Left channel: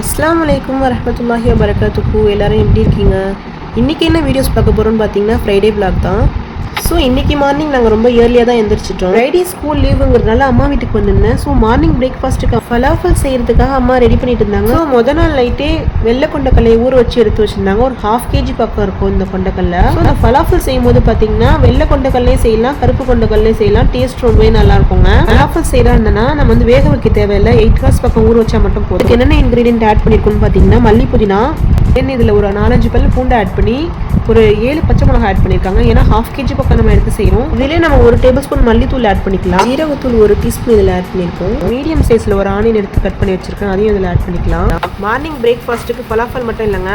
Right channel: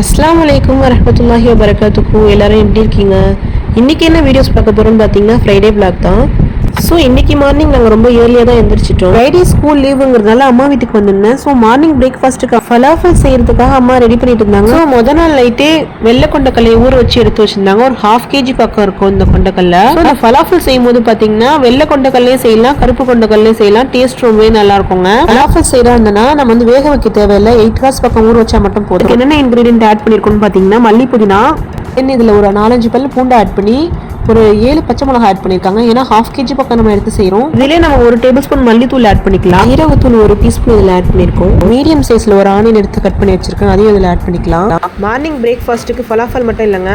அஸ்லாம் அலைக்கும் வரமத்துல்லாஹி வரகாத்துக்கு எல்லாரும் எப்படி இருக்கீங்க? இன்னைக்கு என்ன வீடியோஸ் பார்க்க போறோம்னு பார்த்தீங்கன்னா ஃப்ரைடே பிளாக் தான். ஸோ இன்னைக்கு மார்னிங் நாங்கள் ரொம்ப ஏர்லியாக தான் எந்திரிச்சிட்டோம். ஃப்ரைடே ஸ்கூல் லீவுங்கிறதுனால அம்மா வீட்டுக்கு வந்திருந்தேன். ஸோ மார்னிங் பிரேக்ஃபாஸ்ட்டுக்கு ஃபலாஃபல் செய்யறதுக்காக அம்மா ரெடி பண்ணிட்டு இருந்தாங்க. ஸோ முத நாள் நைட்டே வெள்ளை கொண்டக்கல்லையை ஊற வச்சு எடுத்து வச்சிருந்தாங்க. ஒரு ஹாஃப் கேஜி பக்கம் இருக்கும் இந்த கொண்டக்கல்ல. ஸோ இந்த ஃபலாஃபல் செய்யும் போது பார்த்தீங்கன்னா வெள்ளை கொண்டக்கல்லையும் செய்யலாம் கருப்பு கொண்டக்கல்லையும் செய்யலாம். டேஸ்ட் ரொம்பவே நல்லா இருக்குங்க. ஃபலாஃபல் செய்யறா இருந்தனா நம்ம வந்து வேக வைக்க தேவையில்லை. எயிட் ஹவர்ஸ் பக்கம் ஊற வச்சா மட்டும் போதும். என்னென்ன இன்கிரீடியன்ட் ஆட் பண்ணிருக்கோம்னு பார்த்தீங்கன்னா மல்லி புதினா தென் இதில் ஒரு நாலஞ்சு பல் பூண்டு ஆட் பண்ணி ஒரு ஏழு பச்சை மிளகாய் ஆட் பண்ணியிருக்காங்க ஏன்னா ஹாஃப் கேஜி பக்கம் நம்ம எடுத்து செய்கிறோம் இதுலேயே நம்ம ஒரு டேபிள் ஸ்பூன் மல்லித்தூள் ஆட் பண்ணிக்கலாம். ஜீரகத்தூள் ஒரு டீஸ்பூன் இதில் ஆட் பண்ணியிருக்கோம் மீடியம் சைஸில் ஒரு ஆனியன் எடுத்து கட் பண்ணி வச்சிருக்கேன். அதையும் இதில் ஆட் பண்ணிக்கலாம். மார்னிங் பிரேக்ஃபாஸ்ட்டுக்கு ஃபலாஃபல் மட்டும் இல்லைங்க.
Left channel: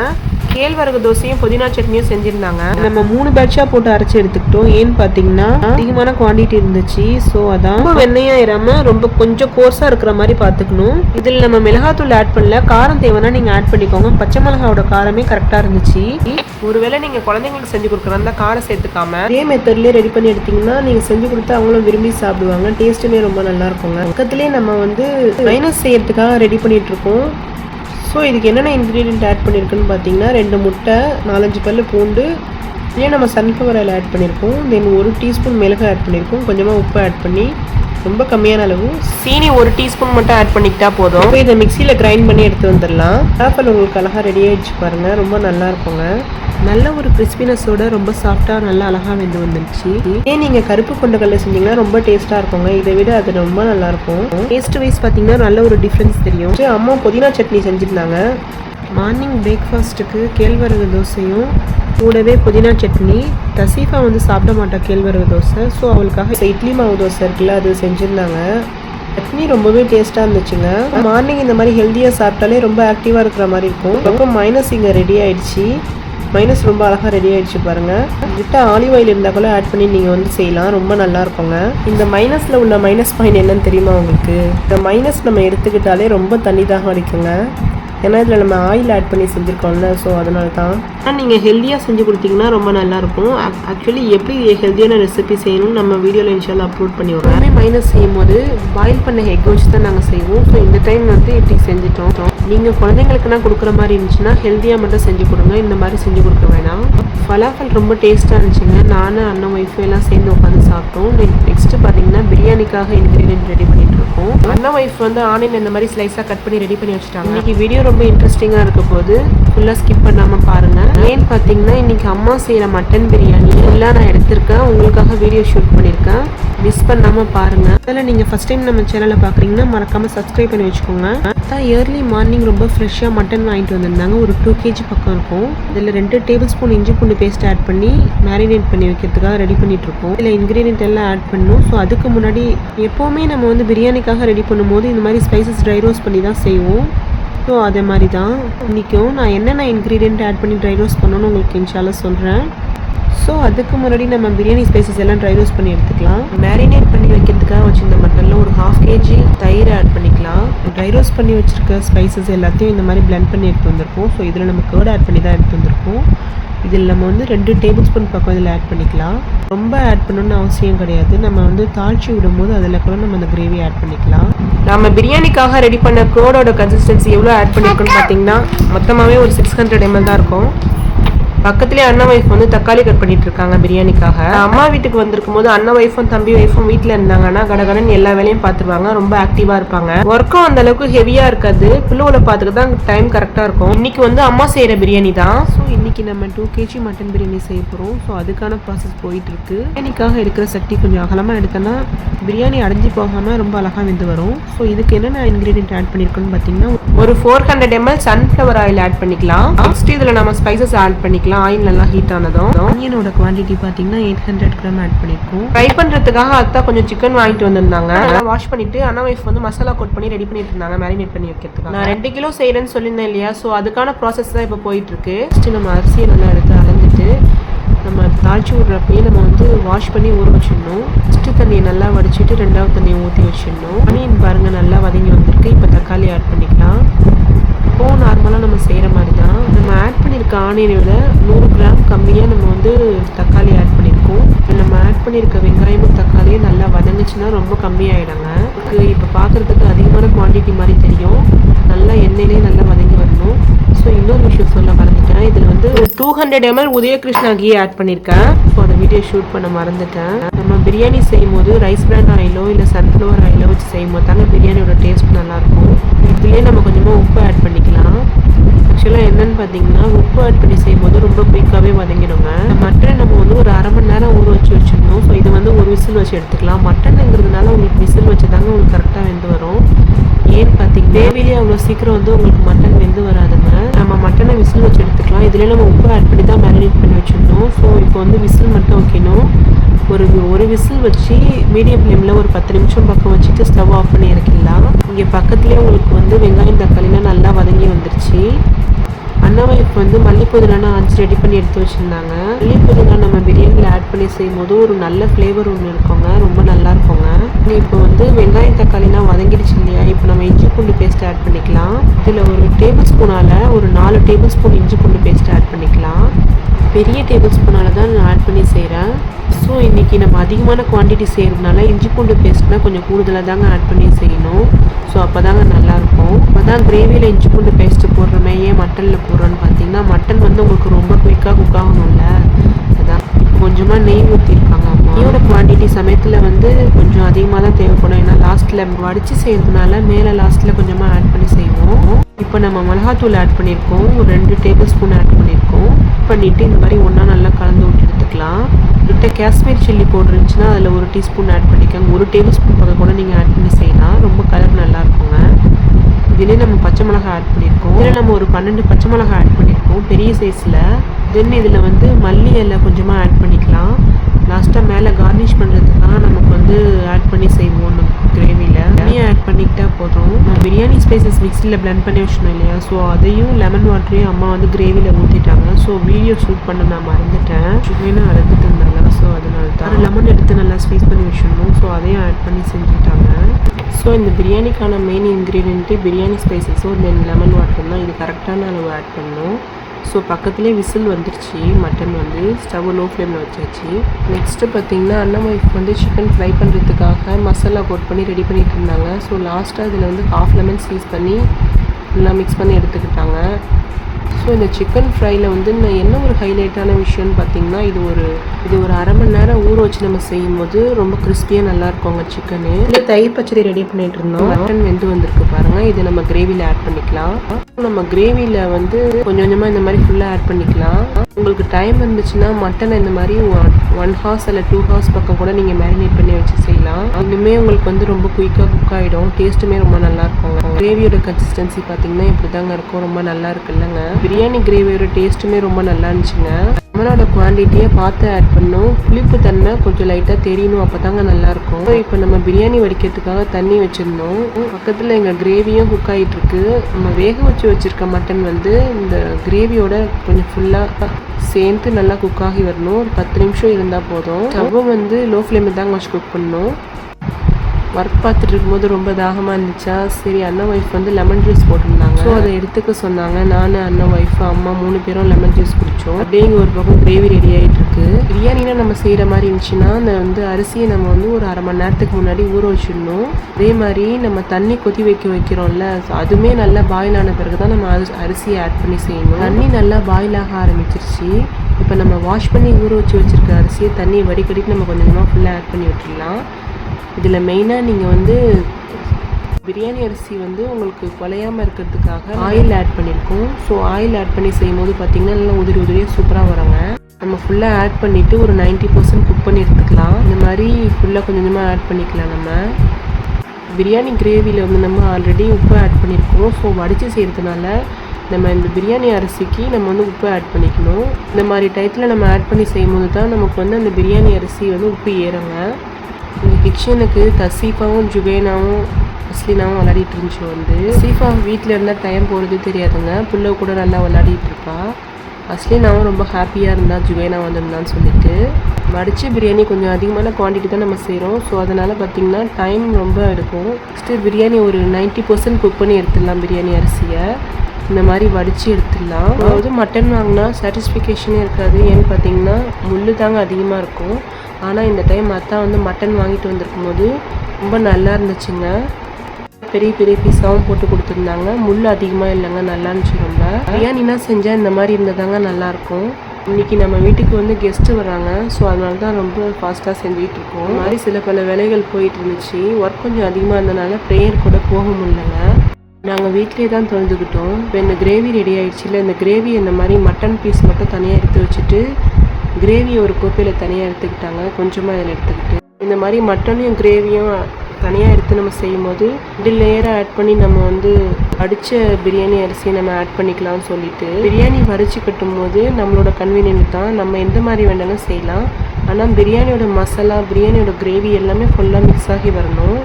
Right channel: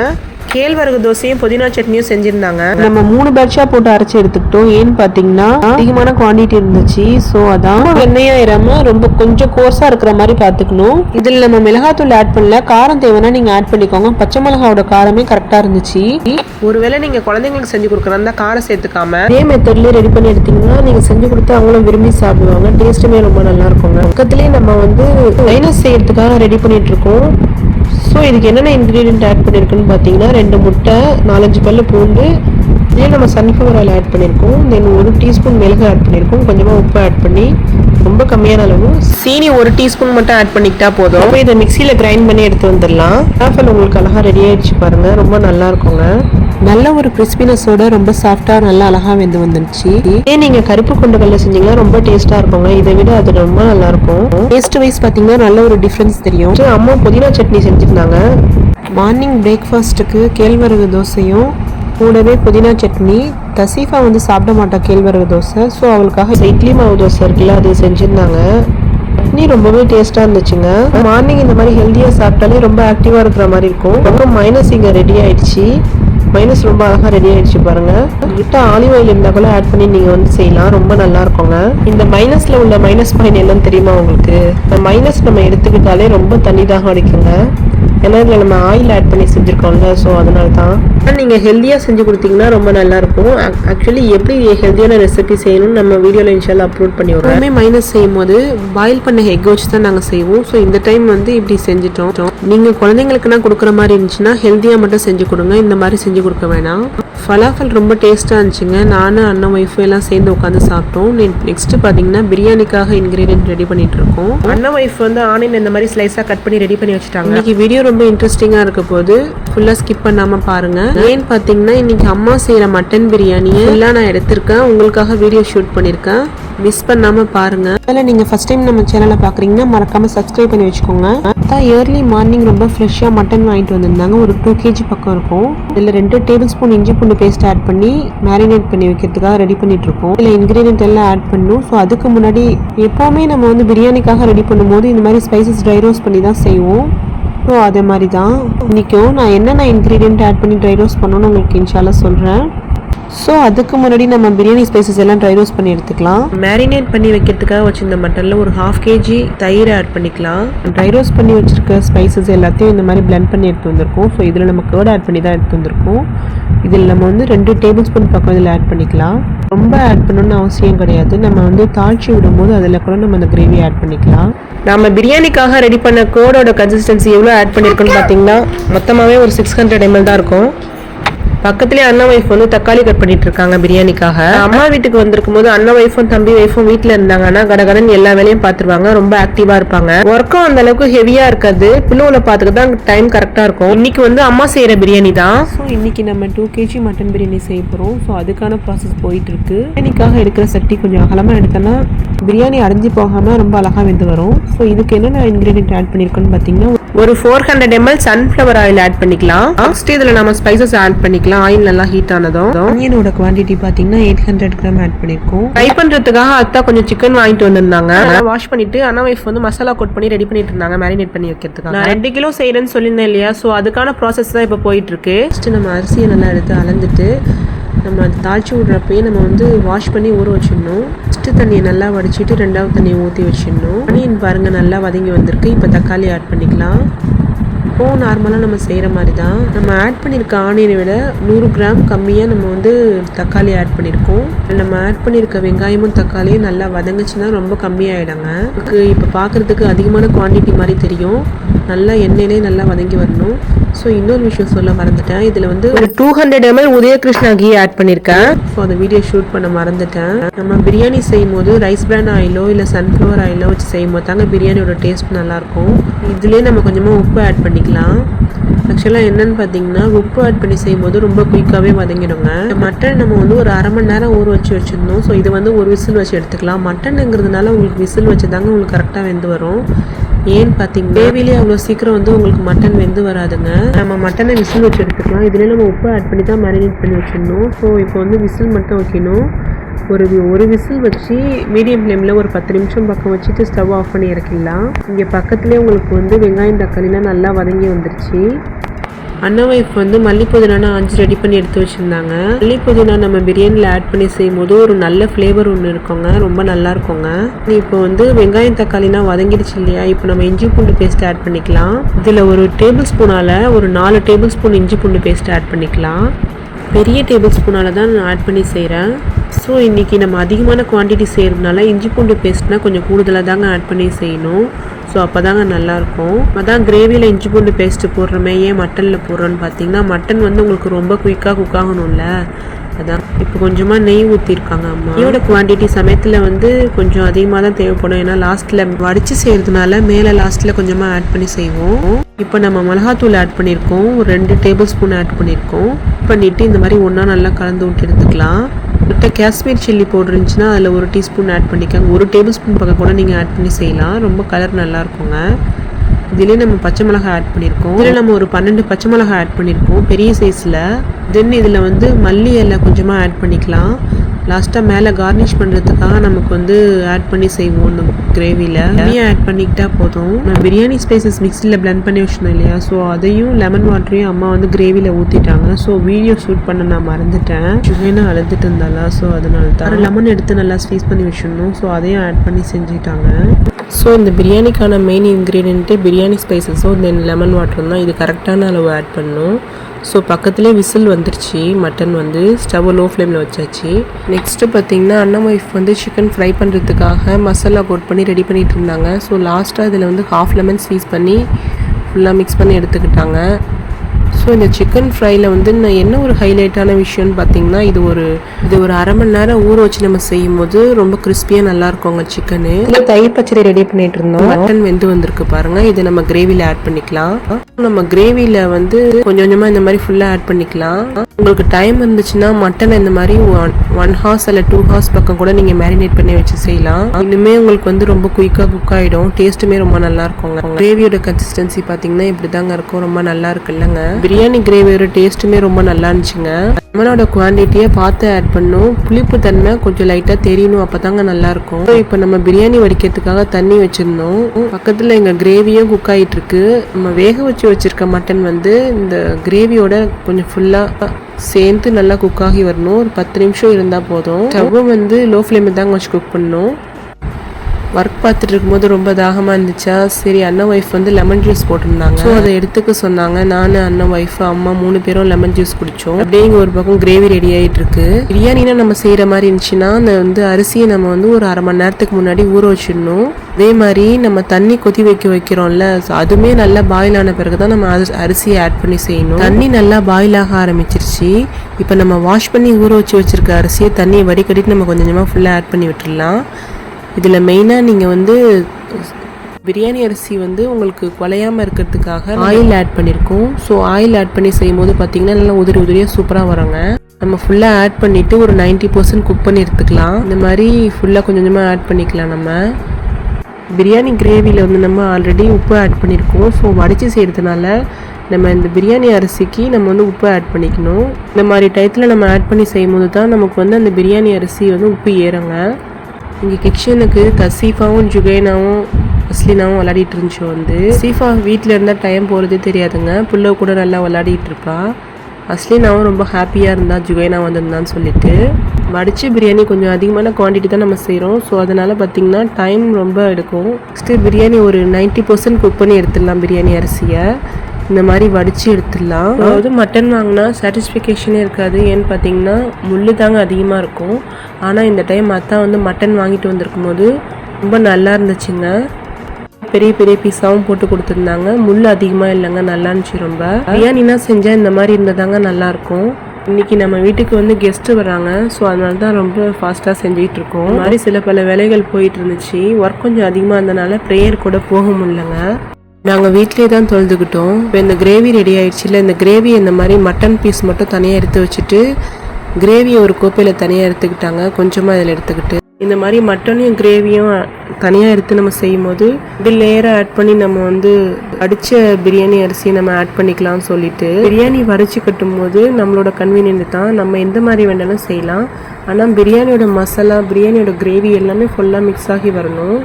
கேழ்வரகு தோசையும் புதினா சட்னியும் செஞ்சிருந்தாங்க. நம்ம மூணு பேட்சா போட்டு அரைச்சி எடுத்துக்கிட்டோம். ஏன்னு பாத்தீங்கன்னா அதிகமான குவாண்டிட்டி இருந்துச்சு. ஸோ அதான் ரொம்ப வெண்ணையும் ரொம்ப கொஞ்சம் கோர்ஸா இருக்கிற மாதிரி பாத்துக்கணும். இதுல நம்ம மிளகாத்தூள் ஆட் பண்ணல. காரம் தேவைன்னா நீங்க ஆட் பண்ணிக்கோங்க. பச்சை மிளகாவோட காரமே கரெக்டா இருந்துச்சு. ஒருவேளை நீங்க குழந்தைங்களுக்கு செஞ்சு கொடுக்குறதா காரம் சேர்த்துக்காம இதே மெத்தட்லயே ரெடி பண்ணி எடுத்தீங்கன்னா நீங்க செஞ்சு கொடுத்து அவங்களும் விரும்பி சாப்பிடுவாங்க. டேஸ்ட்டுமே ரொம்ப நல்லா இருக்குங்க. பக்கத்துலயே நம்ம வந்து மைனஸ் செய்யறதுக்காக ரெடி பண்ணிட்டு இருக்கோம். ஸோ இதுக்கு என்னென்ன இன்க்ரீடியன்ட் ஆட் பண்ணியிருக்குன்னு பார்த்தீங்கன்னா ரெண்டு முட்டை நாலஞ்சு பல்லு பூண்டு ஏன் நம்ம சன்ஃப்ளவர் ஆயில் ஆட் பண்ணியிருக்கோம் தென் ஒரு டீஸ்பூன் மிளகு ஆட் பண்ணியிருக்கோம் கொஞ்சமாக உப்பு ஆட் பண்ணி ரொம்ப கம்மியான அளவு. சீனி ஒரு டீஸ்பூன் மட்டும் ஆட் பண்ணிக்கிட்டா போதும். இப்போ இதை மிக்சியில் கிரைண்ட் பண்ணி எடுத்து வந்துடலாம். ஆப்பிள் உங்களுக்கு அழகாக ரெடி ஆகிடுச்சு பாருங்கள் ரொம்ப நல்லா இருக்குங்க. நல்ல ஒரு கிறிஸ்பினஸோட ரொம்ப சாஃப்டாக நல்லா அழகாக வெந்து வந்துருச்சு. இதே நீங்கள் கருப்பு கொண்டகல்ல செஞ்சீங்கன்னா ரொம்ப டேஸ்ட்டாக இருக்குங்க. இதை விட அது ரொம்ப நல்லா இருக்கும் டேஸ்ட் வைஸ் பார்த்தீங்கன்னா நல்ல ஒரு டிஃப்ரென்ஸ் தெரியும். சரி, அம்மா புதினா சட்னி செஞ்சுருந்தாங்க. மார்னிங் பிரேக்ஃபாஸ்ட்டுக்கு கேழ்வரகு தோசையும் கூடவே புதினா சட்னி. தசீஃபா வந்து சாப்பிட மாட்டா கேழ்வரகு தோசை. ஸோ அவளுக்காக இட்லி மாவு தோசை இருக்குல்ல அது செஞ்சுருந்தாங்க. சட்னி ரொம்பவே டேஸ்ட்டாக இருந்துச்சுங்க. மார்னிங் இந்த மாதிரி ஹெல்த்தியாக சாப்பிட்டாலே ரொம்ப ஆக்டிவாக இருக்கிற மாதிரி இருக்கும். ரொம்ப மைனஸ் இங்கே ரெடி ஆயிடுச்சு. மைனஸ் ரொம்ப அழகாக ரெடி ஆயிடுச்சு பாருங்க. கிட்ட ஆலிவ் ஆயில் இருந்தால் கூட ஆட் பண்ணி நீங்கள் வந்து செய்யலாம். ரொம்ப நல்லா இருக்குங்க. இந்த மைனஸில் உள்ள மைனஸ் பாயிண்ட் என்னன்னு தெரியுமா உங்களுக்கு? இந்த மைனஸ் நம்ம எடுத்துக்கிட்டாலே ரொம்ப தண்ணி தாகம் அடிக்குங்க. ஏன்னா இதில் நம்ம ஆயில் ஆட் பண்ணி செஞ்சுருக்கோம்ல ஸோ அதனால தான் ஆனால் நீங்கள் ஹெல்த்தியாக செஞ்சு கொடுத்தீங்கன்னா ரொம்ப நல்லாயிருக்கும் ஆக்சுவலி எப்படி ஹெல்த்தியான ரெசிபி செய்யணும்னு நம்ம வீடியோவில் இன்ஷால்ல அப்லோட் பண்ணி எப்பவுமே மைனஸ் செய்யும் போது பாயில் பண்ண எக் வச்சு தான் நாங்கள் செய்வோம். ஸோ இந்த டைம் வந்து இப்படி செஞ்சுட்டோம். நீங்கள் குழந்தைங்களுக்குனா கொடுக்குற மாதிரி இருந்துச்சுன்னா ஹெல்த்தியாக மட்டும் செஞ்சு கொடுங்க. இந்த மாதிரி செஞ்சு கொடுக்க வேணாம். ஃபலாஃபல் ரொம்ப டேஸ்ட்டாக இருந்துச்சுங்க. நானும் அண்ணன் ஒய்ஃபும் எல்லாம் சேர்ந்து உட்காந்து சாப்பிட்டோம். நெக்ஸ்ட்டு பார்த்தீங்கன்னா பிரியாணிக்காக இன்க்ரீடியன்ட் ரெடி பண்ணிட்டு இருக்கோம். அண்ணன் ஒய்ஃப் வந்து ஆனியன் இந்த மாதிரி ஸ்லைஸாக கட் பண்ணி ரெடி பண்ணி வச்சுட்டாங்க. இன்னைக்கு வீடியோ ரொம்ப இன்ட்ரெஸ்டிங்காக இருக்க போது ஃபுல்லாக ஸ்கிப் பண்ணாமல் பாருங்க. ஏன்னு பார்த்தீங்கன்னா இன்னைக்கு அம்மா செய்கிற மட்டன் பிரியாணியை எல்லாம் நான் எடுத்திருக்கேன். உங்களுக்காக வீடியோ ஷூட் பண்ணியிருக்கேன். மிஸ் பண்ணாமல் பாருங்க. அதில் நீங்கள் ஃபஸ்ட் டைம் நம்ம சேனலை பார்க்குறீங்கன்னா மறக்காமல் சப்ஸ்கிரைப் பண்ணி வச்சுக்கோங்க. அதான் ஏர்லி மார்னிங் ரொம்ப ஃப்ரெஷ்ஷாக மட்டன் வாங்கிட்டு வந்திருந்தாங்க. ஒரு டூ கேஜி பக்கம் இருக்கும். இதில் ரெண்டு டேபிள் ஸ்பூன் இஞ்சி பூண்டு பேஸ்ட் ஆட் பண்ணி மேரினேட் பண்ணி வைக்கிறதுக்காக ரெடி பண்ணிட்டு இருக்கோம். இதில் இன்க்ரீடியன்ட் எல்லாம் ஆட் பண்ணும். ஸோ அதுக்கு முன்னாடி எப்போவுமே நம்ம வந்து பிரியாணிக்காக ரெடி பண்ணும்போது இந்த மாதிரி ஸ்பைசஸ் ட்ரை ரோஸ் பண்ணி தான் செய்வோம். ஸோ அதே மாதிரி தான். இன்றைக்கும் நான் என்னென்ன இன்க்ரீடியன்ட் ஆட் பண்ணி ட்ரை ரோஸ் பண்ணணும்னு உங்களுக்கு இன்ஷாலாக சொல்கிறேன் ஸோ அதுக்கு முன்னாடி நம்ம பிரியாணி ஸ்பைசஸ் எல்லாம் ட்ரை ரோஸ்ட் பண்ணி எடுத்துக்கலாம். மேரினேட் பண்ணி வைக்கிறதுக்காக வச்சிருந்த மட்டனில் ஒரு ஹாஃப் கேஜி தயிர் ஆட் பண்ணிக்கலாம். ட்ரை ரோஸ்ட் பண்ணி வச்சிருக்க ஸ்பைசஸ் எல்லாத்தையும் இந்த மாதிரி பிளெண்ட் பண்ணி எடுத்து வந்திருக்கோம். ஸோ இதில் நம்ம கேர்ட் ஆட் பண்ணி தான் எடுத்து வந்திருக்கோம். இதில் நம்ம வந்து ரெண்டு டேபிள் ஸ்பூன் பக்கம் இதில் ஆட் பண்ணிக்கலாம். ரொம்ப ஆட் பண்ணணும்னு அவசியம் கிடையாது. நம்ம வந்து தாழ்ச்சி விடும்போது அதில் கூட நம்ம அந்த கிரேவி ஆட் பண்ணிக்கலாம். நம்ம பிரியாணிக்காக ரெடி பண்ண கோடோட கன்சிஸ்டன்சி எவ்வளோ ஆட் பண்ணியிருக்கோன்னு பார்த்தீங்கன்னா மொத்தமாகவே ஒரு சிக்ஸ் ஹண்ட்ரட் எம்எல் தான் இருக்கும். பக்கத்துலேயே அண்ணன் ஒய்ஃப் வந்து தக்காளி கட் பண்ணிட்டு இருக்காங்க பிரியாணிக்காக. அம்மா வீட்டுக்கு வந்திருக்கும் போது அண்ணன் ஒய்ஃபும் தம்பி ஒய்ஃபும் வீட்டில் இருந்தாங்கன்னா கடகடன் எல்லா வேலையும் பாத்துருவாங்க. ரொம்ப ஆக்டிவா இருப்பாங்க. ஒர்க்கும் அந்த அளவுக்கு ஹெவியா இருக்காது. பிள்ளைகளை பார்த்துக்க தான் டைம் கரெக்டா இருக்கும். இன்னைக்கு வந்து அம்மா செய்யற பிரியாணி தான். ஸோ இன்னைக்கு நம்ம டூ கேஜி மட்டன் பிரியாணி செய்ய போறோம். ஸோ அதுக்கான ப்ராசஸ் போயிட்டு இருக்கு பிரியாணிக்காக எடுக்கிற சட்டி கொஞ்சம் அகலமா எடுத்தோம்னா பிரியாணி அடைஞ்சு போகாம ரொம்ப அழகா வெந்து வரும். ஸோ இதுக்கு என்னென்ன இன்கிரீடியன்ட் ஆட் பண்ணியிருக்கோன்னு பார்த்தீங்கன்னா ஒரு four hundred ML sunflower oil add பண்ணிக்கலாம். நெக்ஸ்ட் இதுல நம்ம ஸ்பைசஸ் ஆட் பண்ணிக்கலாம். ஆயில் நல்லா ஹீட் ஆனதும். ஆனியனோட குவாண்டிட்டி பாத்தீங்கன்னா எயிட் ஹண்ட்ரட் கிராம் ஆட் பண்ணிருக்கோம். ஃப்ரை பண்றதுக்காக அத்தா கொஞ்சம் சிக்கன் வாங்கிட்டு வந்திருந்தாங்க. வாஷ் பண்ணிட்டு அண்ணா ஒய்ஃப் வந்து மசாலா கோட் பண்ணி ரெடி பண்ணிட்டு இருந்தாங்க மேரினேட் பண்ணி வைக்கிறதுக்காக. நான் ரெண்டு கிலோ செய்யறேன்னு சொல்லியிருந்தேன் இல்லையா? ஸோ அதுக்கான ப்ராசஸ் தான் இப்போ போயிட்டு இருக்கு ஃபர்ஸ்ட் நம்ம அரிசியை நல்லா எடுத்து அளந்துட்டு நம்ம தாளிச்சு விட்றப்பயே நம்ம வந்து வாஷ் பண்ணி ஊற வச்சிடணும். ஃபஸ்ட்டு தண்ணியை நல்லா வடிச்சிட்டு ரெண்டாவது தண்ணியை ஊற்றி வச்சிடணும். ஆனியன் பாருங்கள் நல்லா வதங்கி வந்திருக்கு. இப்போ தக்காளி ஆட் பண்ணிக்கலாம். இப்போது நார்மலாக நம்ம செய்கிற மாதிரி தான் நம்ம ஆட் பண்ணியிருக்க ஆனியனை விட நூறு கிராம் கம்மியாக நம்ம வந்து தக்காளி ஆட் பண்ணியிருக்கோம் நம்ம ஆட் பண்ணியிருக்க வெங்காயமும் தக்காளியும் நல்லா வதங்குச்சுன்னா ரொம்ப கம்மியாகிடுங்க இப்போ பார்க்குறதுக்கு அதிகமான குவான்டிட்டி மாதிரி தெரியும். நல்லா எண்ணெயிலே நல்லா வதங்கி வரணும். ஸோ இன்னொரு விஷயம் சொல்ல மறந்துட்டேன். இதில் வந்து ஒரு two hundred ML Udayakrishna ghee add பண்ணியிருக்கேன் ஸோ அந்த வீடியோ ஷூட் பண்ண மறந்துட்டேன். நம்ம பிரியாணி செய்யும் போது ரைஸ் பிரான் ஆயிலோ இல்லை சன்ஃப்ளவர் ஆயிலோ வச்சு செய்யும் போது தாங்க பிரியாணியோட டேஸ்ட் நல்லாயிருக்கும். இதுலேயே நம்ம கொஞ்சமாக உப்பு ஆட் பண்ணிக்கலாம். ஆக்சுவலாக என்னன்னு பார்த்தீங்கன்னா உப்பு ஆட் பண்ணி செய்யும்போது ரொம்ப குயிக்காகவே வதங்கிடுங்க. மட்டன் நம்ம வந்து ஒரு அரை மணி நேரம் ஊற வச்சு வச்சுருந்தோம் ஸோ இது வந்து ஒரு விசில் வச்சு எடுத்துக்கலாம். மட்டனுங்கிறதுனால உங்களுக்கு விசில் வச்சு தாங்க உங்களுக்கு கரெக்டாக வெந்து வரும். ஏன்னு பார்த்தீங்கன்னா கிரேவிலே அவ்வளோ சீக்கிரம் வந்து உங்களுக்கு மட்டன் வெந்து வராதுங்க. நம்ம மட்டனை விசில் வச்சு எடுத்துக்கலாம். இதுலேயே நம்ம உப்பு ஆட் பண்ணி தான் மேரினேட் பண்ணி வச்சிடணும். ஸோ இப்போ வந்து விசில் மட்டும் வைக்கணும். ஒரு ஒரு விசில் வச்சு மீடியம் ஃப்ளேமில் ஒரு பத்து நிமிஷம் பக்கம் வச்சுட்டு ஸ்டவ் ஆஃப் பண்ணி இறக்கிடலாம். இங்கே பக்கத்துலேயே உங்களுக்கு வந்து வெங்காயம் தக்காளிலாம் நல்லா வதங்கி வந்துருச்சு. அண்ணா ஒய்ஃப் வந்து மல்லி அஞ்சு ரெடி பண்ணி எடுத்து வச்சுருந்தாங்க. மல்லி நம்ம பிரியாணியில் ஆட் பண்ணி செய்யும்போது ஒரு நல்ல ஃப்ளேவர் ஒன்று இருக்கோங்க. ரொம்ப நல்லா இருக்கோங்க. இப்போ வந்து வெங்காயம் தக்காளிலாம் வதங்கிடுச்சு இல்லையா? இப்போ நம்ம இஞ்சி பூண்டு பேஸ்ட் ஆட் பண்ணிக்கலாம். இதில் ஒரு டேபிள் ஸ்பூனால் ஒரு நாலு டேபிள் ஸ்பூன் இஞ்சி பூண்டு பேஸ்ட் ஆட் பண்ணிக்கலாம். பெரிய டேபிள் ஸ்பூனால் தான் நான் ஆட் பண்ணி செய்கிறேன் ஸோ இன்றைக்கி நம்ம அதிகமான குவான்டிட்டி செய்கிறதுனால இஞ்சி பூண்டு பேஸ்ட்னால் கொஞ்சம் கூடுதலாக தாங்க ஆட் பண்ணி செய்யணும். ஸோ அப்போ தாங்க நல்லாயிருக்கும் அதான் கிரேவியில் இஞ்சி பூண்டு பேஸ்ட்டு போடுறோமே ஏன் மட்டனில் போடுறோன்னு பார்த்தீங்கன்னா மட்டன் வந்து உங்களுக்கு ரொம்ப குயிக்காக குக் ஆகணும்ல. அதான். இப்போ கொஞ்சமாக நெய் ஊற்றிருக்காங்க அம்மா. நெய்யோட குவான்டிட்டி சமயத்தில் வந்து கொஞ்சம் அதிகமாக தான் தேவைப்படும். ஏன்னா லாஸ்ட்டில் வடித்து செய்கிறதுனால மேலே லாஸ்ட்டில் கொஞ்சமாக ஆட் பண்ணி செய்வோம். இப்போ நம்ம மிளகாத்தூள் ஆட் பண்ணியிருக்கோம் ஒரு ரெண்டு டேபிள் ஸ்பூன் ஆட் பண்ணியிருக்கோம் பண்ணிவிட்டு இந்த மாதிரி ஒன்றா நல்லா கலந்து விட்டு எடுத்துக்கலாம். உங்கள்கிட்ட காஷ்மீர் சில்லி பவுடர் இருந்துச்சுன்னா அதில் ஒரு டீஸ்பூன் ஆட் பண்ணிக்கோங்க. ஒரு டேபிள் ஸ்பூன் பக்கம் கூட நீங்கள் ஆட் பண்ணி செய்யலாம். ரொம்ப கலர் நல்லா இருக்குங்க. இதுலேயே நம்ம பச்சை மிளகாய் ஆட் பண்ணியிருக்கோம் இதில் நம்ம ஒரு பன்னெண்டு பச்சை மிளகாய் ஆட் பண்ணியிருக்கோம் பெரிய சைஸில் தென் இதில் வந்து மல்லி இலை கொஞ்சமாக ஆட் பண்ணிக்கலாம். லாஸ்ட்டாக மேலே கார்னிஷ் பண்ணுறதுக்காக நமக்கு வந்து ஆட் பண்ணி செய்வோம் நம்ம கிரேவியில் தனியாக ஆட் பண்ணிக்கிட்டா போதும். நம்ம பிரியாணி ஸ்பைசஸ் மிக்சியில் பிளெண்ட் பண்ணி வச்சிடணும் இல்லையா? ஸோ அதையும் லெமன் வாட்டரையும் அம்மா வந்து கிரேவியில் ஊற்றிட்டாங்க ஸோ வீடியோ ஷூட் பண்ண நான் மறந்துட்டேன். சுவைனா அழுதுட்டு இருந்தாலா ஸோ அதனால தான். லெமன் எடுத்து நல்லா ஸ்பைஸ் பண்ணி வச்சிடணும் ஸோ அதையும் ஆட் பண்ணி செஞ்சுட்டாங்க. ஸோ இந்த பிரியாணிக்கான மெயின் இன்க்ரீடியன்ட்டு பிரியாணி ஸ்பைசஸும் தென் லெமன் வாட்டரும் தான். இது கரெக்டான அளவு ஆட் பண்ணணும். ஸோ பக்கத்துலேயே விசில் வந்துருச்சு. மட்டன் வந்து ஸ்டவ் லோ ஃப்ளேமில் வச்சாச்சு. நெக்ஸ்ட்டு பார்த்தீங்கன்னா அண்ணன் ஒய்ஃப் வந்து சிக்கன் ஃப்ரை பண்ணுறதுக்காக மசாலா கோட் பண்ணி ரெடி பண்ணிட்டு இருந்தாங்க. ஸோ லாஸ்ட்டாக இதில் வந்து ஹாஃப் லெமன் ஸ்வீஸ் பண்ணி ஃபுல்லாக மிக்ஸ் பண்ணி எடுத்துக்கிட்டாங்க. ஸோ இந்த சிக்கன் ஃப்ரையில் வந்து நான் என்ன ஒரு ஹைலைட்டான விஷயம்னு பார்த்தீங்கன்னா இது ஒரு இது ஒரு அரை மணி நேரம் ஊற வச்சு நம்ம செய்யும் போது ரொம்ப கிறிஸ்பியாக நல்லா இருக்குங்க சிக்கனு இல்லை தயிர் பச்சடி ரெடி பண்ணிட்டு இருந்தோம். மட்டன் வெந்து வந்திருக்கு பாருங்க. இதை நம்ம கிரேவியில் ஆட் பண்ணிக்கலாம். நம்ம கிரேவியில் வந்து கொஞ்சம் கொஞ்சமாக இந்த மாதிரி ஃபுல்லாக ஆட் பண்ணிக்கலாம். உங்களுக்கு டைம் இருந்துச்சுன்னா மட்டனை இந்த மாதிரி ஒன் ஒன் ஹார்ஸ் இல்லை டூ ஹார்ஸ் பக்கம் கூட நீங்கள் மேரினேட் பண்ணி வச்சு செய்யலாம். இன்னுமே உங்களுக்கு வந்து ரொம்ப குயிக்காக குக் ஆகிடும் டேஸ்ட்டுமே ரொம்ப நல்லா இருக்கும் கிரேவியோட கன்சிஸ்டன்சி பார்த்தீங்கன்னா இப்படி தாங்க இருக்கும். ரொம்ப நல்லா இருக்குல்லங்க. பிரியாணி கிரேவியோட டேஸ்ட்டுமே ரொம்ப நல்லா இருந்துச்சுங்க. லெமனோட குவான்டிட்டியை பார்த்து ஆட் பண்ணும். புளிப்பு தன்மை கொஞ்சம் லைட்டாக தெரியணும் அப்போ தாங்க நல்லாயிருக்கும் இப்போ நம்ம பிரியாணி வடிக்கிறதுக்காக தண்ணி வச்சுருந்தோம். பக்கத்தில் எங்கள் கிரேவியும் குக் ஆகிட்டுருக்கு நம்ம வேக வச்சு வச்சுருக்க மட்டன் வந்து இந்த கிரேவியோட கொஞ்சம் ஃபுல்லாக சேர்ந்து நல்லா குக் ஆகி வரணும். ஒரு பத்து நிமிஷம் இருந்தால் போதும். ஸ்டவ்வை வந்து லோ ஃப்ளேமில் தாங்க வச்சு குக் பண்ணணும். ஒர்க் பார்த்துட்டு இருக்கும்போது ரொம்ப தாகமாக இருந்துச்சா? சரி அண்ணன் ஒய்ஃப் வந்து லெமன் ஜூஸ் போட்டிருந்தாங்க. ஸோ அதை எடுத்துக்க சொன்னாங்க. நான் அண்ணன் ஒய்ஃப் அம்மா மூணு பேரும் லெமன் ஜூஸ் குடித்தோம் அப்படியே இங்கே ஒரு பக்கம் கிரேவி ரெடி ஆகிட்டு இருக்கு பிரியாணினா நம்ம செய்கிற மாதிரி இருந்துச்சுன்னா அந்த வந்து அரிசியை நம்ம வந்து ஒரு அரை மணி நேரத்துக்கு முன்னாடி ஊற வச்சிடணும். அதே மாதிரி நம்ம தண்ணி கொதி வைக்க வைக்கிறோம்ல so அதுவுமே நல்லா பாயில் ஆன பிறகு தான் நம்ம அரிசி- அரிசியை ஆட் பண்ணி செய்யணும். தண்ணி நல்லா பாயில் ஆக ஆரம்பிச்சிருச்சு. இப்போ நம்ம வாஷ் பண்ணி ஊற வச்சு வச்சிருக்க அரிசியை தண்ணியை வடிகட்டிட்டு நம்ம கொஞ்சம் கொஞ்சமாக ஃபுல்லாக ஆட் பண்ணி விட்டுடலாம். இதில் மெயினாக நீங்கள் வந்து பிரியாணி அரிசி வந்து உங்களுக்கு குலையாமல் இருக்கிறதுக்காக ஆயில் ஆட் பண்ணியிருக்கோம். ஸோ ஆயில் ஆட் பண்ணி செய்யும்போது பார்த்தீங்கன்னா நல்லா உதிரி உதிரியாக சூப்பராக வராங்க. நம்ம ஃபுல்லாக ஆட் பண்ணிவிட்டு ஒரு 90% பர்சன்ட் குக் பண்ணி எடுத்துக்கலாம். இந்த மாதிரி ஃபுல்லாக கொஞ்சம் கொஞ்சமாக ஆட் பண்ணிக்கலாம் நம்ம. பிரியாணி கிரேவியில் வந்து நம்ம ஆல்ரெடி உப்பு ஆட் பண்ணியிருக்கோம். ஸோ வடித்து செய்கிறதுனால நம்ம இந்த பிரியாணி அரிசிக்கு நம்ம வந்து உப்பு ஆட் பண்ணிக்கணும். இந்த மாதிரி டயத்தில் நம்ம ஆட் பண்ணி செய்யும்போது தான் நமக்கு வந்து அந்த பிரியாணி அரிசி வந்து உப்பு ஏறுங்க. இங்கே கிச்சனுக்கு கசீஃபாவும் ஜுகேனாவும் அஸ்லினாவும் விளையாடிட்டு இருந்துச்சு வந்து. சீஃபா வீட்டில் இருந்தால் டைம் போகிறதே தெரியாதுங்க. பிள்ளை கூட நல்லா விளையாடிட்டு இருப்பா. அஸ்லினாவும் ரொம்ப ஹாப்பியாக இருந்தால் ஜுகைனா வந்திருந்தான்னு சொல்லிட்டு. வடித்து பிரியாணி கொஞ்சம் அதிகமான குவான்டிட்டி தான் நம்ம செய்கிறோம் ஸோ அதனால் பார்த்திங்கன்னா டைம் ரொம்ப எடுக்கும். நெக்ஸ்ட்டு பிரியாணி ஒரு 90% பர்சன்ட் குக் பண்ணி எடுத்துடலாம் பிரியாணி அரிசியை. இந்த மாதிரி வடித்து எடுத்துடலாம். அதாவது மட்டன் வாங்கினா சாட்டிஸ்ஃபிகேஷனே இருக்காது. ஏன்னு பார்த்தீங்கன்னா முள் தாங்க அதிகமாக இருக்கும். ஆனால் இந்த டைம் அத்தா வந்து மட்டன் வாங்கிட்டு வந்திருக்கும் போது ரொம்ப நல்லா இருந்துச்சுங்க. பெரிய பெரிய பீஸாவும் போட்டு கொடுத்துருந்தாங்க. முள் அதிகமாக இல்லைங்க நல்லா இருந்துச்சு ரொம்ப. பிரியாணினா செஞ்சால் இந்த மாதிரி இருந்ததாங்க நல்லாயிருக்கும் இன்னைக்கு நம்ம வீட்டுக்கு வந்து கெஸ்ட்டு வராங்க. ஸோ அதனால தான் ரொம்ப ஃபாஸ்ட்டாக செஞ்சுட்டு இருக்கோம். மாதிரி சில பல வேலைகள் போயிட்டு இருந்துச்சு. ஒர்க் கொஞ்சம் அதிகமாக இருந்தனால ப்ரேயர் கூட போக முடியலங்க. நாங்கள் வீட்டிலே தான் தொழுதுகிட்டோம். இப்போ இந்த கிரேவி ரெடி ஆயிடுச்சுல இந்த கிரேவி இந்த மாதிரி மட்டன் பீஸ் மட்டும் தனியாக எடுத்து வச்சுட்டு கிரேவியை ஒரு கோப்பையில் தனியாக எடுத்துக்கிட்டாங்க. கொஞ்சமாக இதில் எடுத்துக்கிட்டு. இந்த மாதிரி மட்டனையும் கிரேவியும் தனியாக எடுத்து நம்ம செய்யும் போது இது லேயராக ஆட் பண்ணி நம்ம வந்து அடித்த பிரியாணி அரிசியை நம்ம ஆட் பண்ணிக்கலாம்னு சொல்லிட்டு பிரியாணி வடிச்சு கட்டும் போது நம்மளோட கன்வீனியன்ட் தான். நம்ம எந்த மாதிரி வேணாலும் செய்யலாம். ஆனால் பிரியாணியோட மசாலா பிரியாணியோட கிரேவி எல்லாமே ஃபுல்லாக மிக்ஸ் ஆகி வரணும்.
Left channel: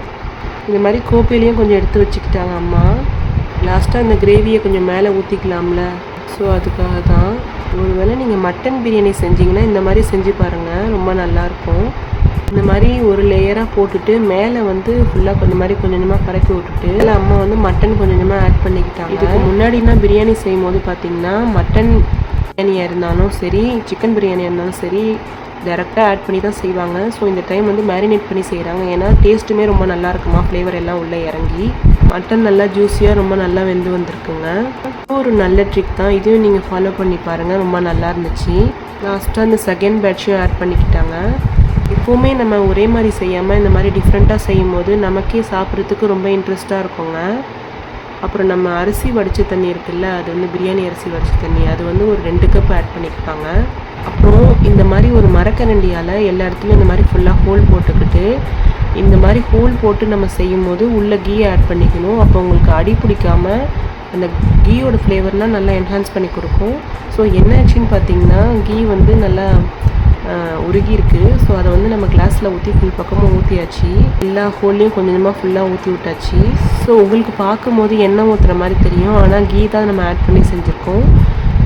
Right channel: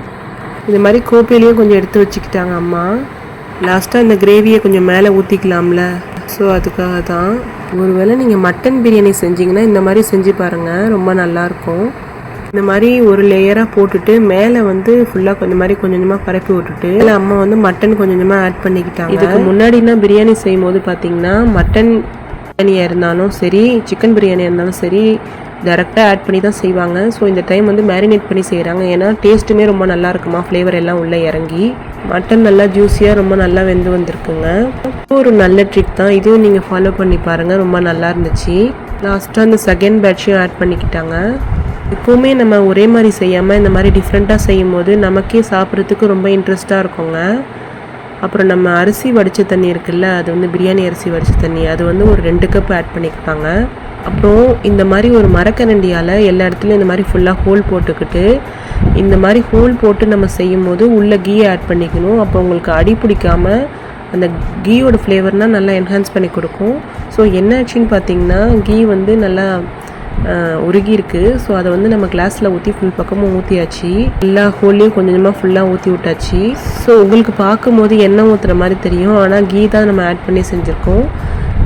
இந்த மாதிரி கோப்பையிலையும் கொஞ்சம் எடுத்து வச்சுக்கிட்டாங்க அம்மா. லாஸ்ட்டாக இந்த கிரேவியை கொஞ்சம் மேலே ஊற்றிக்கலாம்ல ஸோ அதுக்காக தான் ஒருவேளை நீங்கள் மட்டன் பிரியாணி செஞ்சீங்கன்னா இந்த மாதிரி செஞ்சு பாருங்கள் ரொம்ப நல்லாயிருக்கும். இந்த மாதிரி ஒரு லேயராக போட்டுட்டு மேலே வந்து ஃபுல்லாக கொஞ்சம் மாதிரி கொஞ்சம் கொஞ்சமாக பரப்பி விட்டுட்டு இல்லை அம்மா வந்து மட்டன் கொஞ்சம் கொஞ்சமாக ஆட் பண்ணிக்கிட்டாங்க. இதுக்கு முன்னாடினா பிரியாணி செய்யும் போது பார்த்தீங்கன்னா மட்டன் பிரியாணியாக இருந்தாலும் சரி சிக்கன் பிரியாணியாக இருந்தாலும் சரி டேரெக்டாக ஆட் பண்ணி தான் செய்வாங்க. ஸோ இந்த டைம் வந்து மேரினேட் பண்ணி செய்கிறாங்க ஏன்னா டேஸ்ட்டுமே ரொம்ப நல்லா இருக்குமா? ஃப்ளேவர் எல்லாம் உள்ளே இறங்கி. மட்டன் நல்லா ஜூஸியாக ரொம்ப நல்லா வெந்து வந்திருக்குங்க. ஒரு நல்ல ட்ரிக் தான். இதுவும் நீங்கள் ஃபாலோ பண்ணி பாருங்கள் ரொம்ப நல்லா இருந்துச்சு. லாஸ்ட்டாக அந்த செகண்ட் பேட்சையும் ஆட் பண்ணிக்கிட்டாங்க. எப்போவுமே நம்ம ஒரே மாதிரி செய்யாமல் இந்த மாதிரி டிஃப்ரெண்ட்டாக செய்யும் போது நமக்கே சாப்பிட்றதுக்கு ரொம்ப இன்ட்ரெஸ்ட்டாக இருக்குங்க. அப்புறம் நம்ம அரிசி வடித்த தண்ணி இருக்குல்ல அது வந்து பிரியாணி அரிசி வடித்த தண்ணி அது வந்து ஒரு ரெண்டு கப் ஆட் பண்ணியிருப்பாங்க. அப்புறம் இந்த மாதிரி ஒரு மரக்கரண்டியால் எல்லா இடத்துலையும் இந்த மாதிரி ஃபுல்லாக ஹோல் போட்டுக்கிட்டு இந்த மாதிரி ஹோல் போட்டு நம்ம செய்யும் போது உள்ளே கீ ஆட் பண்ணிக்கணும். அப்போ உங்களுக்கு அடி பிடிக்காம அந்த கீயோட ஃப்ளேவர்னால் நல்லா என்ஹான்ஸ் பண்ணி கொடுக்கும். ஸோ என்ன ஆச்சுன்னு பார்த்தீங்கன்னா கீ வந்து நல்லா ஆஹ், உருகி இருக்குது ஸோ அதை வந்து நம்ம கிளாஸில் ஊற்றி ஃபுல் பக்கமும் ஊற்றியாச்சு எல்லா ஹோல்லையும் கொஞ்சமாக ஃபுல்லாக ஊற்றி விட்டாச்சு. ஸோ உங்களுக்கு பார்க்கும்போது எண்ணெய் ஊற்றுற மாதிரி தெரியும். ஆனால் கீ தான் நம்ம ஆட் பண்ணி செஞ்சுருக்கோம்.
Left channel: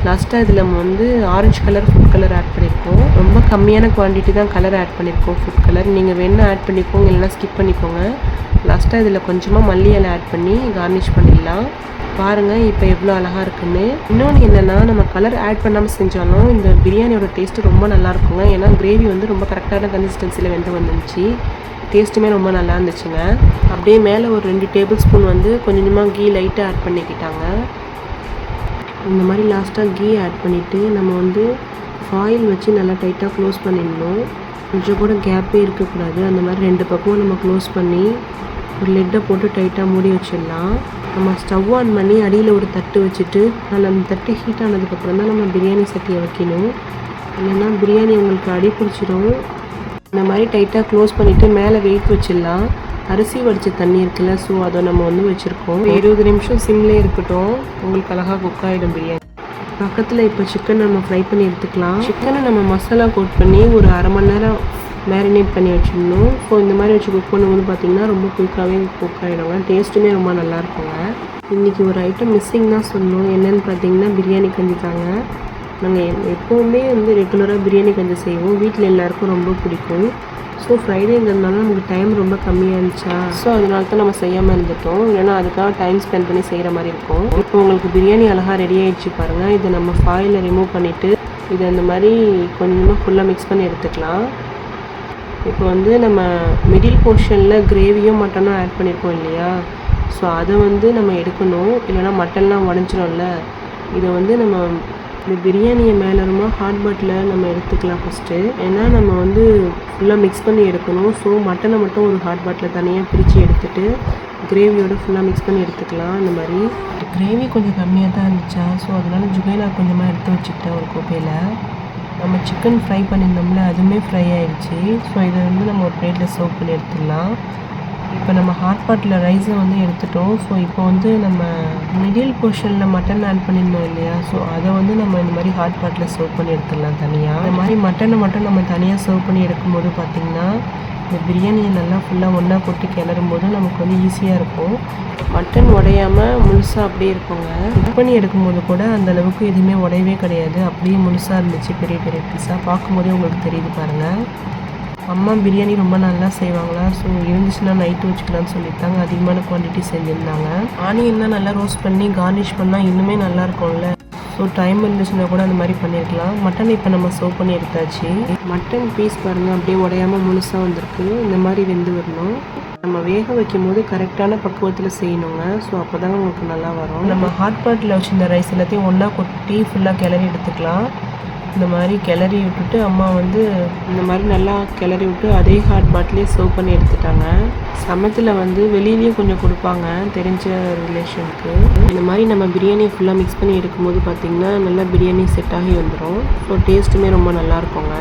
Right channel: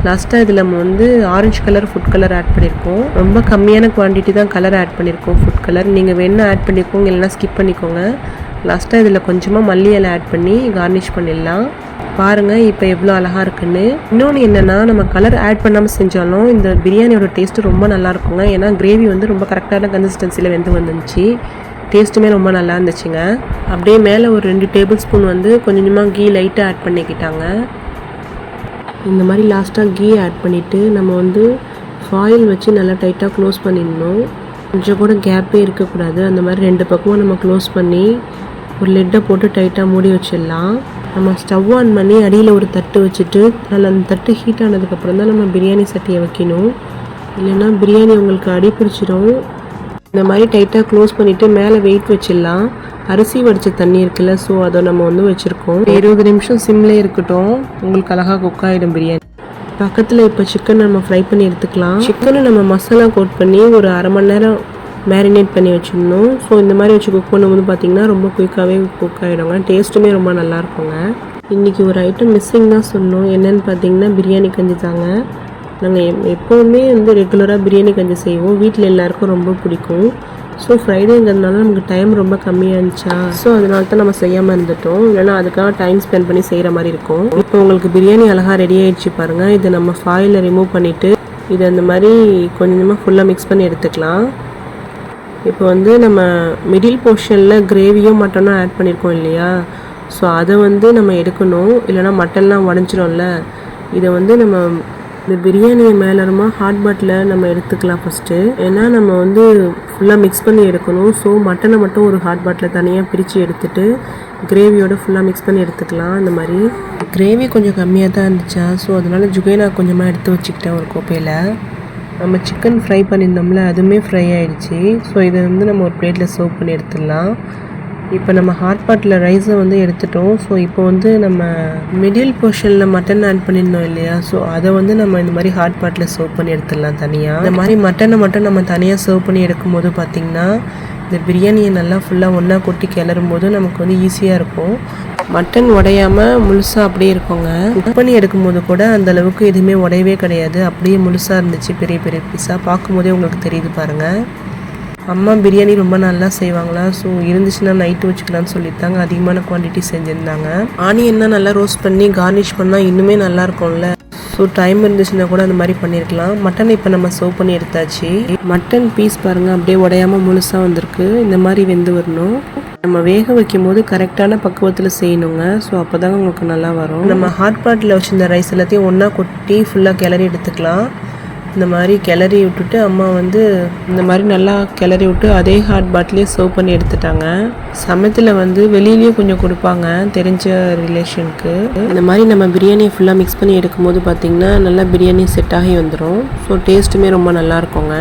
லாஸ்ட்டாக இதில் நம்ம வந்து orange colour food colour add பண்ணியிருக்கோம் ரொம்ப கம்மியான குவான்டிட்டி தான் கலர் ஆட் பண்ணியிருக்கோம் ஃபுட் கலர் நீங்கள் வேணால் ஆட் பண்ணிக்கோங்க இல்லைனா ஸ்கிப் பண்ணிக்கோங்க. லாஸ்ட்டாக இதில் கொஞ்சமாக மல்லி இலை ஆட் பண்ணி கார்னிஷ் பண்ணிடலாம். பாருங்கள் இப்போ எவ்வளோ அழகாக இருக்குன்னு. இன்னொன்று என்னென்னா நம்ம கலர் ஆட் பண்ணாமல் செஞ்சாலும் இந்த பிரியாணியோட டேஸ்ட்டு ரொம்ப நல்லா இருக்குங்க. ஏன்னா கிரேவி வந்து ரொம்ப கரெக்டான கன்சிஸ்டன்சியில் வெந்து வந்துருந்துச்சு. டேஸ்ட்டுமே ரொம்ப நல்லா இருந்துச்சுங்க. அப்படியே மேலே ஒரு ரெண்டு டேபிள் ஸ்பூன் வந்து கொஞ்சமாக கீ லைட்டாக ஆட் பண்ணிக்கிட்டாங்க. இந்த மாதிரி லாஸ்ட்டாக கீ ஆட் பண்ணிவிட்டு நம்ம வந்து ஃபாயில் வச்சு நல்லா டைட்டாக க்ளோஸ் பண்ணிடணும். கொஞ்சம் கூட கேப்பே இருக்கக்கூடாது. அந்த மாதிரி ரெண்டு பக்கமும் நம்ம க்ளோஸ் பண்ணி ஒரு லெட்டை போட்டு டைட்டாக மூடி வச்சிடலாம். நம்ம ஸ்டவ் ஆன் பண்ணி அடியில் ஒரு தட்டு வச்சுட்டு அதில் அந்த தட்டு ஹீட் ஆனதுக்கப்புறம் தான் நம்ம பிரியாணி சட்டியை வைக்கணும். இல்லைன்னா பிரியாணி உங்களுக்கு அடி பிடிச்சிடும் இந்த மாதிரி டைட்டாக க்ளோஸ் பண்ணிவிட்டு மேலே வெயிட் வச்சிடலாம். அரிசி வடித்த தண்ணி இருக்குல்ல ஸோ அதை நம்ம வந்து வச்சுருக்கோம். இருபது நிமிஷம் சிம்லே இருக்கட்டும். உங்களுக்கு அழகாக குக் ஆகிடும் பிரியாணி. பக்கத்தில் இப்போ சிக்கன் நம்ம ஃப்ரை பண்ணி எடுத்துக்கலாம். சிக்கனை நம்ம மசாலா கோட் பண்ணி ஒரு அரை மணி நேரம் மேரினேட் பண்ணி வச்சிடணும். ஸோ இந்த மாதிரி வச்சு குக் பண்ணும்போது பார்த்தீங்கன்னா ரொம்ப குயிக்காகவே குக் ஆகிடுங்க டேஸ்ட்டுமே ரொம்ப நல்லாயிருக்குங்க இன்றைக்கி ஒரு ஐட்டம் மிஸ்ஸிங் தான் சொன்னோம் என்னன்னு பார்த்தீங்கன்னா பிரியாணி கஞ்சி தாங்க. நாங்கள் எப்போவுமே வந்து ரெகுலராக பிரியாணி கஞ்சி செய்வோம். வீட்டில் எல்லாேருக்கும் ரொம்ப பிடிக்கும். ஸோ ஃப்ரைடேங்கிறதுனால நமக்கு டைம் ரொம்ப கம்மியாக இருந்துச்சா? ஸோ அதனால தான் நம்ம செய்யாமல் இருந்துட்டோம். இல்லைன்னா அதுக்காக டைம் ஸ்பெண்ட் பண்ணி செய்கிற மாதிரி இருக்கும். இப்போ உங்களுக்கு பிரியாணி அழகாக ரெடி ஆகிடுச்சு பாருங்கள் இதை நம்ம ஃபாயில் ரிமூவ் பண்ணிவிட்டு இதை அந்த மாதிரி கொஞ்சமாக ஃபுல்லாக மிக்ஸ் பண்ணி எடுத்துக்கலாம். இப்போ வந்து நம்ம மிடில் போர்ஷனில் கிரேவியும் மட்டனும் ஆட் பண்ணியிருக்கோம் இல்லையா? ஸோ அதை வந்து நம்ம எடுக்கணும். இல்லைன்னா மட்டன்லாம் உடஞ்சிரும்ல இதை வந்து நம்ம இந்த பிரியாணியை மேலருமா ஹாட் பாட்டில் நம்ம எடுத்துக்கலாம் ஃபஸ்ட்டு ஏன்னா நம்ம வந்து ஃபுல்லாக மிக்ஸ் பண்ணி எடுக்கணும். ஸோ மட்டனை மட்டும் ஒரு ஹாட் பாட்டில் தனியாக பிரித்து எடுத்துட்டு கிரேவியோட ஃபுல்லாக மிக்ஸ் பண்ணி எடுத்துக்கலாம் இந்த மாதிரி. கிரேவி கொஞ்சம் கம்மியாக தான் இருந்துச்சா? ஸோ அதனால் ஜுகைனா கொஞ்சமாக எடுத்து வச்சுக்கிட்டேன் ஒரு கோப்பையில். நம்ம சிக்கன் ஃப்ரை பண்ணியிருந்தோம்ல அதுவுமே ஃப்ரை ஆகிடுச்சி ஸோ இதை வந்து நம்ம ஒரு பிளேட்டில் சர்வ் பண்ணி எடுத்துடலாம். இப்போ நம்ம ஹாட் பாட்டில் ரைஸை வந்து எடுத்துட்டோம். ஸோ இப்போ வந்து நம்ம மிடில் போர்ஷனில் மட்டன் ஆட் பண்ணியிருந்தோம் இல்லையா? ஸோ அதை வந்து நம்ம இந்த மாதிரி ஹாட் பாட்டில் சர்வ் பண்ணி எடுத்துடலாம் தனியாக இந்த மாதிரி மட்டனை மட்டும் நம்ம தனியாக சர்வ் பண்ணி எடுக்கும்போது பார்த்திங்கன்னா இந்த பிரியாணியை நல்லா ஃபுல்லாக ஒன்றா கொட்டி கிளறும் போது நமக்கு வந்து ஈஸியாக இருக்கும். மட்டன் உடையாமல் முழுசாக அப்படியே இருக்குங்க. குக் பண்ணி எடுக்கும்போது கூட அந்த அளவுக்கு எதுவுமே உடையவே கிடையாது. அப்படியே முழுசாக இருந்துச்சு பெரிய பெரிய பீஸாக பார்க்கும்போதே உங்களுக்கு தெரியுது பாருங்கள் அம்மா பிரியாணி ரொம்ப நல்லா செய்வாங்களா? ஸோ இருந்துச்சுன்னா நைட்டு வச்சுக்கலாம்னு சொல்லிட்டாங்க அதிகமான குவான்டிட்டி செஞ்சுருந்தாங்க. ஆனியன்னா நல்லா ரோஸ்ட் பண்ணி கார்னிஷ் பண்ணால் இன்னுமே நல்லா இருக்கும்ல? ஸோ டைம் இருந்துச்சுன்னா கூட அந்த மாதிரி பண்ணியிருக்கலாம் மட்டன் இப்போ நம்ம சர்வ் பண்ணி எடுத்தாச்சு. மட்டன் பீஸ் பாருங்கள் அப்படியே உடையாம முழுசாக வந்திருக்கு. இந்த மாதிரி வெந்து வரணும். நம்ம வேக வைக்கும் போது கரெக்டான பக்குவத்தில் செய்யணுங்க. ஸோ அப்போ தாங்க உங்களுக்கு நல்லா வரும். நம்ம ஹாட் பாட்டில் வச்சுருந்த ரைஸ் எல்லாத்தையும் ஒன்றா கொட்டி ஃபுல்லாக கிளறி எடுத்துக்கலாம். இந்த மாதிரி கிளறி விட்டுட்டு அம்மா வந்து இந்த மாதிரி நல்லா கிளறி விட்டு அதே ஹாட் பாட்டிலே சர்வ் பண்ணி எடுத்துட்டாங்க. சமயத்தில் வந்து வெளியிலேயும் கொஞ்சம் கொடுப்பாங்க தெரிஞ்ச ரிலேஷனுக்கு இந்த மாதிரி நம்ம பிரியாணியை ஃபுல்லாக மிக்ஸ் பண்ணி எடுக்கும்போது பார்த்திங்கன்னா நல்லா பிரியாணி செட் ஆகி வந்துடும் ஸோ டேஸ்ட்டுமே ரொம்ப நல்லா இருக்குங்க.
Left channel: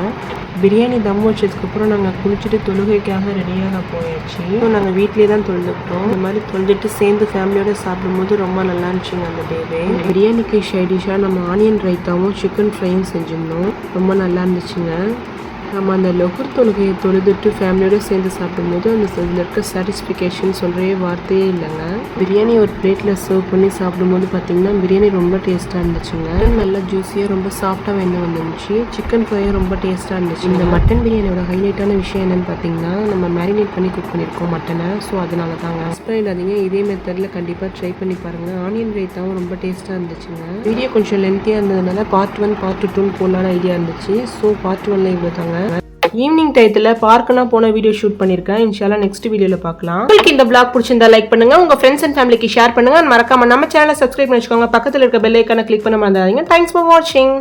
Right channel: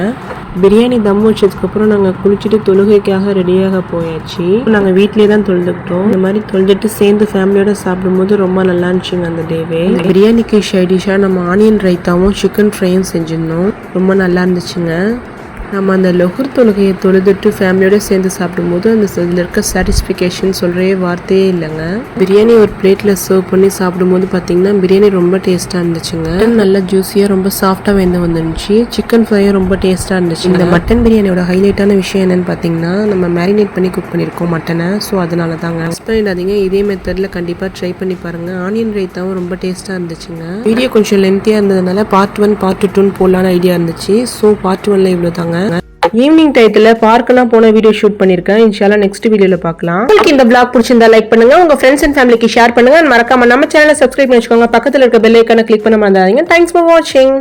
பிரியாணி தம் வச்சதுக்கப்புறம் நாங்கள் குளிச்சுட்டு தொழுகைக்காக ரெடியாக போயாச்சு. நாங்கள் வீட்டிலே தான் தொழுதுக்கிட்டோம். இந்த மாதிரி தொழுதுட்டு சேர்ந்து ஃபேமிலியோட சாப்பிடும்போது ரொம்ப நல்லா இருந்துச்சுங்க அந்த டேவே. பிரியாணிக்கு ஷைடிஷாக நம்ம ஆனியன் ரைத்தாவும் சிக்கன் ஃப்ரையும் செஞ்சுருந்தோம். ரொம்ப நல்லா இருந்துச்சுங்க. நம்ம அந்த லொகர் தொழுகையை தொழுதுட்டு ஃபேமிலியோட சேர்ந்து சாப்பிடும்போது அந்த இதில் இருக்க சாட்டிஸ்ஃபிகேஷன் சொல்கிறே வார்த்தையே இல்லைங்க. பிரியாணி ஒரு பிளேட்டில் சர்வ் பண்ணி சாப்பிடும்போது பார்த்தீங்கன்னா பிரியாணி ரொம்ப டேஸ்ட்டாக இருந்துச்சுங்க. நல்லா ஜூஸியாக ரொம்ப சாஃப்டாக வெந்து வந்துருந்துச்சு. சிக்கன் ஃப்ரையும் ரொம்ப டேஸ்ட்டாக இருந்துச்சு இந்த மட்டன் பிரியாணியோட ஹைலைட்டான விஷயம் என்னென்னு பார்த்தீங்கன்னா நம்ம மேரினேட் பண்ணி குக் பண்ணியிருக்கோம் மட்டனை ஸோ அதனால தாங்க மிஸ் பண்ணிடாதீங்க. இதே மெத்தடில் கண்டிப்பாக ட்ரை பண்ணி பாருங்கள் ஆனியன் ரைத்தாவும் ரொம்ப டேஸ்ட்டாக இருந்துச்சுங்க. வீடியோ கொஞ்சம் லென்த்தியாக இருந்ததுனால பார்ட் ஒன் பார்ட் டூன்னு போடலான்னு ஐடியா இருந்துச்சு. ஸோ பார்ட் ஒன்ல இவ்வளோ தாங்க ஈவினிங் டயத்தில் பார்க்கெல்லாம் போன வீடியோ ஷூட் பண்ணியிருக்கேன் இன்ஷால்லா நெக்ஸ்ட் வீடியோவில் பார்க்கலாம். உங்களுக்கு இந்த பிளாக் பிடிச்சிருந்தா லைக் பண்ணுங்க. உங்க ஃப்ரெண்ட்ஸ் அண்ட் ஃபேமிலிக்கு ஷேர் பண்ணுங்க. மறக்காம நம்ம சேனலை சப்ஸ்கிரைப் பண்ணி வச்சுக்கோங்க பக்கத்தில் இருக்க பெல் ஐக்கான கிளிக் பண்ண மறந்துடாதீங்க தேங்க்ஸ் ஃபார் வாட்சிங்